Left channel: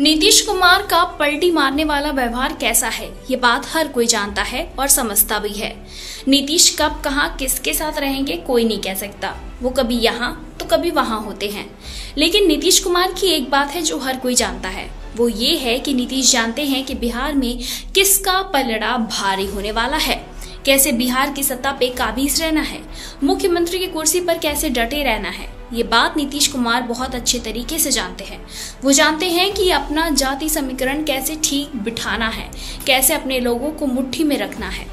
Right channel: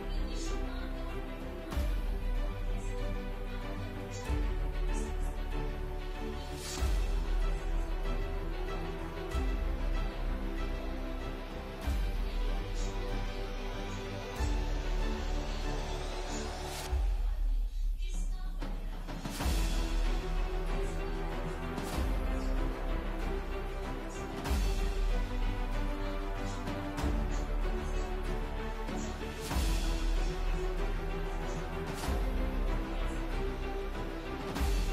नीतीश कुमार का पलटी मारने वाला व्यवहार कैसा है, ये बात हर कोई जानता है और समझता भी है। नीतीश कब कहां किसके साथ रहेंगे कोई नहीं कह सकता। वो कभी यहाँ तो कभी वहां होते हैं। लेकिन नीतीश कुमार की एक बात है जो हर कोई जानता है, वो ये है कि नीतीश जानते हैं कि बिहार में किसका पलड़ा भारी होने वाला है, कैसे बिहार की सत्ता पे काबिज रहना है, मुख्यमंत्री की कुर्सी पर कैसे डटे रहना है। ये बात नीतीश कुमार बहुत अच्छे तरीके से जानते हैं। वो जानते हैं कि अपना जाति समीकरण कैसे ठीक बिठाना है, कैसे अपने लोगों को मुट्ठी में रखना है।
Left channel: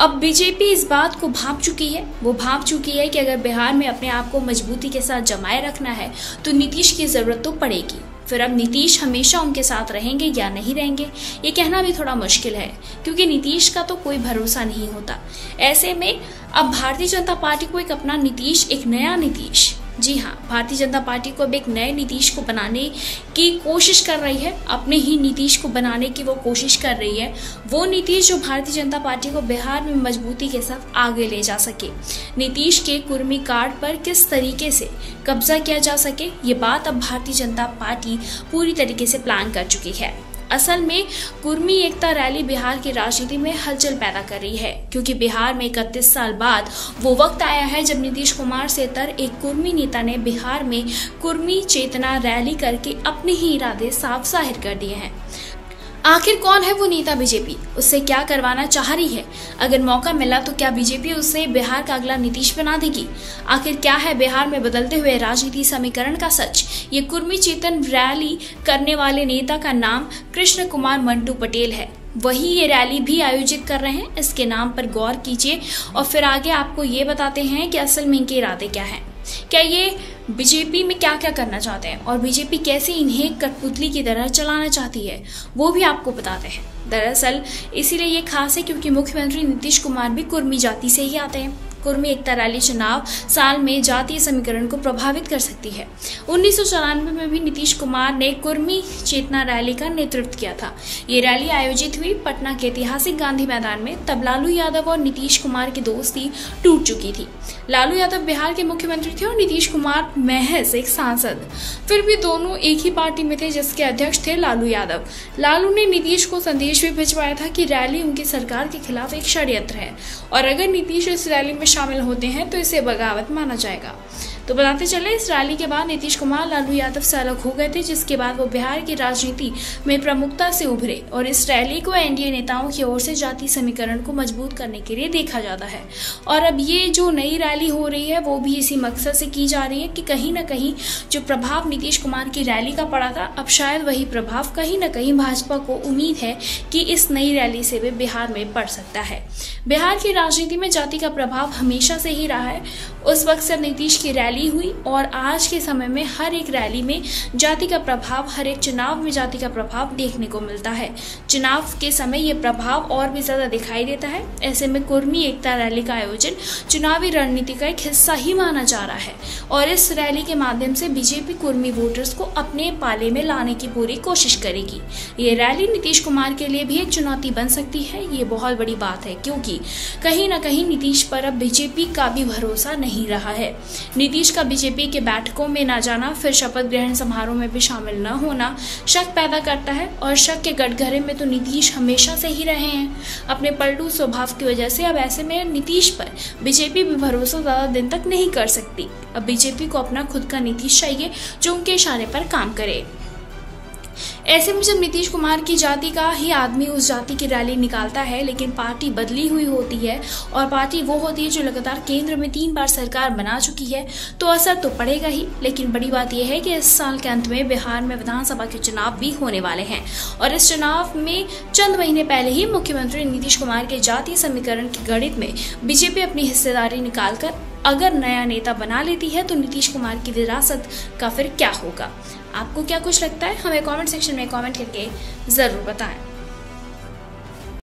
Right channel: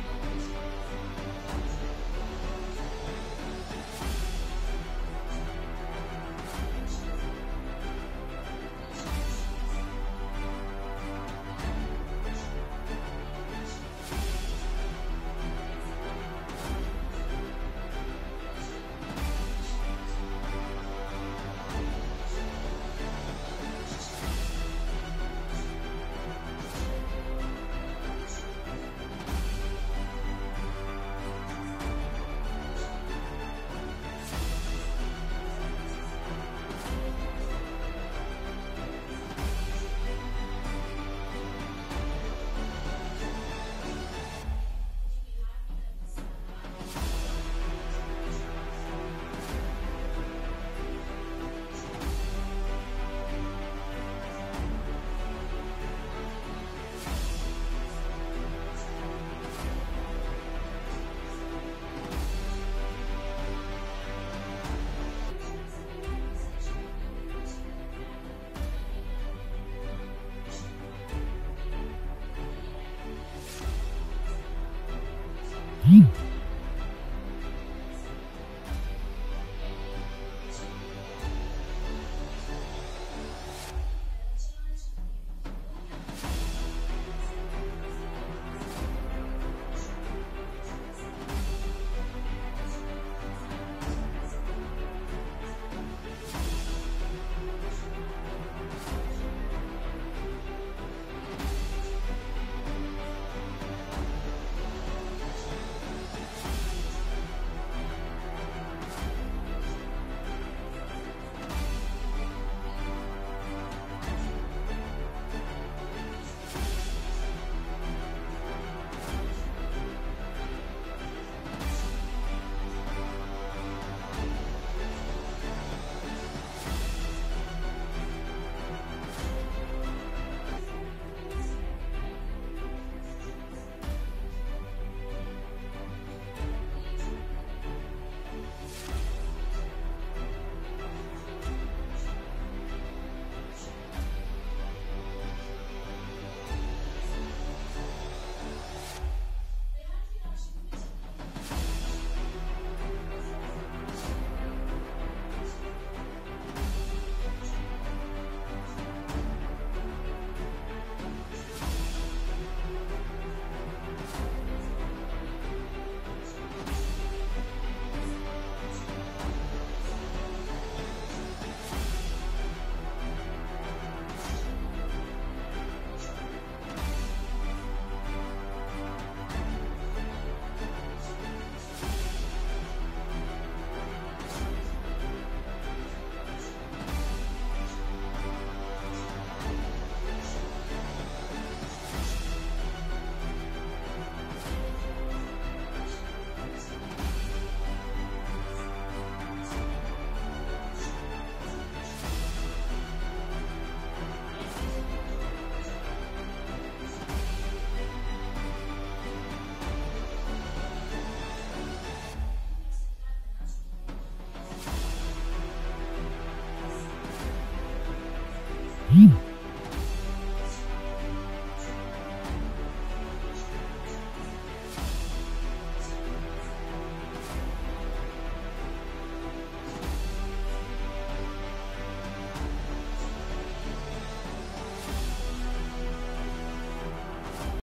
अब बीजेपी इस बात को भांप चुकी है। वो भांप चुकी है कि अगर बिहार में अपने आप को मजबूती के साथ जमाए रखना है तो नीतीश की जरूरत तो पड़ेगी। फिर अब नीतीश हमेशा उनके साथ रहेंगे या नहीं रहेंगे, ये कहना भी थोड़ा मुश्किल है, क्योंकि नीतीश का तो कोई भरोसा नहीं होता। ऐसे में अब भारतीय जनता पार्टी को एक अपना नीतीश, एक नया नीतीश, जी हाँ, भारतीय जनता पार्टी को अब एक नए नीतीश को बनाने की कोशिश कर रही है, अपने ही नीतीश को बनाने की वो कोशिश कर रही है। वो नीतीश जो भारतीय जनता पार्टी को बिहार में मजबूती के साथ आगे ले जा सके। नीतीश के कुर्मी कार्ड पर किस तरीके से कब्जा किया जा सके, ये बात अब भारतीय जनता पार्टी पूरी तरीके से प्लान कर चुकी है। असल में कुर्मी एकता रैली बिहार की राजनीति में हलचल पैदा कर रही है, क्योंकि बिहार में 31 साल बाद वो वक्त आया है जब नीतीश कुमार से तर एक कुर्मी नेता ने बिहार में कुर्मी चेतना रैली करके अपने ही इरादे साफ जाहिर कर दिए हैं। आखिर कौन है वो नेता बीजेपी, उससे क्या करवाना चाह रही है? अगर मौका मिला तो क्या बीजेपी उसे बिहार का अगला नीतीश बना देगी? आखिर क्या है बिहार में बदलते हुए राजनीति समीकरण का सच? ये कुर्मी चेतन रैली करने वाले नेता का नाम कृष्ण कुमार मंटू पटेल है। वही ये रैली भी आयोजित कर रहे हैं। इसके नाम पर गौर कीजिए और फिर आगे आपको ये बताते हैं कि असल में इनके इरादे क्या हैं। क्या ये बीजेपी में क्या क्या करना चाहते हैं और बीजेपी कैसे इन्हें कठपुतली की तरह चलाना चाहती है, वो भी आपको बताते हैं। दरअसल इसीलिए ये खास है क्योंकि मुख्यमंत्री नीतीश कुमार भी कुर्मी जाति से ही आते हैं। कुर्मी एकता रैली चुनाव साल में जातीय समीकरण को प्रभावित कर सकती है। 1994 में भी नीतीश कुमार ने कुर्मी चेतना रैली का नेतृत्व किया था। ये रैली आयोजित हुई पटना के ऐतिहासिक गांधी मैदान में। तब लालू यादव और नीतीश कुमार की दोस्ती टूट चुकी थी। लालू यादव बिहार के मुख्यमंत्री थे और नीतीश कुमार महज एक सांसद। फिर भी दोनों एक ही पार्टी में थे, जिसके अध्यक्ष थे लालू यादव। लालू ने नीतीश को संदेश भी भिजवाया था कि रैली उनकी सरकार के खिलाफ एक षड्यंत्र है और अगर नीतीश इस रैली में शामिल होते हैं तो इसे बगावत माना जाएगा। तो बताते चले, इस रैली के बाद नीतीश कुमार लालू यादव से अलग हो गए थे, जिसके बाद वो बिहार की राजनीति में प्रमुखता से उभरे और इस रैली को एनडीए नेताओं की ओर से जाति समीकरण को मजबूत करने के लिए देखा जाता है। और अब ये जो नई रैली हो रही है वो भी इसी मकसद से की जा रही है कि कहीं ना कहीं जो प्रभाव नीतीश कुमार की रैली का पड़ा था, अब शायद वही प्रभाव कहीं ना कहीं भाजपा को उम्मीद है कि इस नई रैली से भी बिहार में पड़ सकता है। बिहार की राजनीति में जाति का प्रभाव हमेशा से ही रहा है। उस वक्त से नीतीश की रैली हुई और आज के समय में हर एक रैली में जाति का प्रभाव, हर एक चुनाव में जाति का प्रभाव देखने को मिलता है। चुनाव के समय ये प्रभाव और भी ज्यादा दिखाई देता है। ऐसे में कुर्मी एकता रैली का आयोजन चुनावी रणनीति का एक हिस्सा ही माना जा रहा है और इस रैली के माध्यम से बीजेपी कुर्मी वोटर्स को अपने पाले में लाने की पूरी कोशिश करेगी। ये रैली नीतीश कुमार के लिए भी एक चुनौती बन सकती है। ये बहुत बड़ी बात है, क्योंकि कहीं ना कहीं नीतीश पर अब बीजेपी का भी भरोसा नहीं रहा है। नीतीश का बीजेपी के बैठकों में न जाना, फिर शपथ ग्रहण समारोह में भी शामिल न होना शक पैदा करता है और शक के कटघरे में तो नीतीश हमेशा से ही रहे हैं अपने पलटू स्वभाव की वजह से। अब ऐसे में नीतीश पर बीजेपी भी भरोसा ज्यादा दिन तक नहीं कर सकती। अब बीजेपी को अपना खुद का नीतीश चाहिए जो उनके इशारे पर काम करे। ऐसे में जब नीतीश कुमार की जाति का ही आदमी उस जाति की रैली निकालता है, लेकिन पार्टी बदली हुई होती है और पार्टी वो होती है जो लगातार केंद्र में 3 बार सरकार बना चुकी है, तो असर तो पड़ेगा ही। लेकिन बड़ी बात यह है कि इस साल के अंत में बिहार में विधानसभा के चुनाव भी होने वाले हैं और इस चुनाव में चंद महीने पहले ही मुख्यमंत्री नीतीश कुमार के जातीय समीकरण की गणित में बीजेपी अपनी हिस्सेदारी निकालकर अगर नया नेता बना लेती है तो नीतीश कुमार की विरासत का फिर क्या होगा? आपको क्या कुछ लगता है? हमें कमेंट सेक्शन में कमेंट करके जरूर बताएं।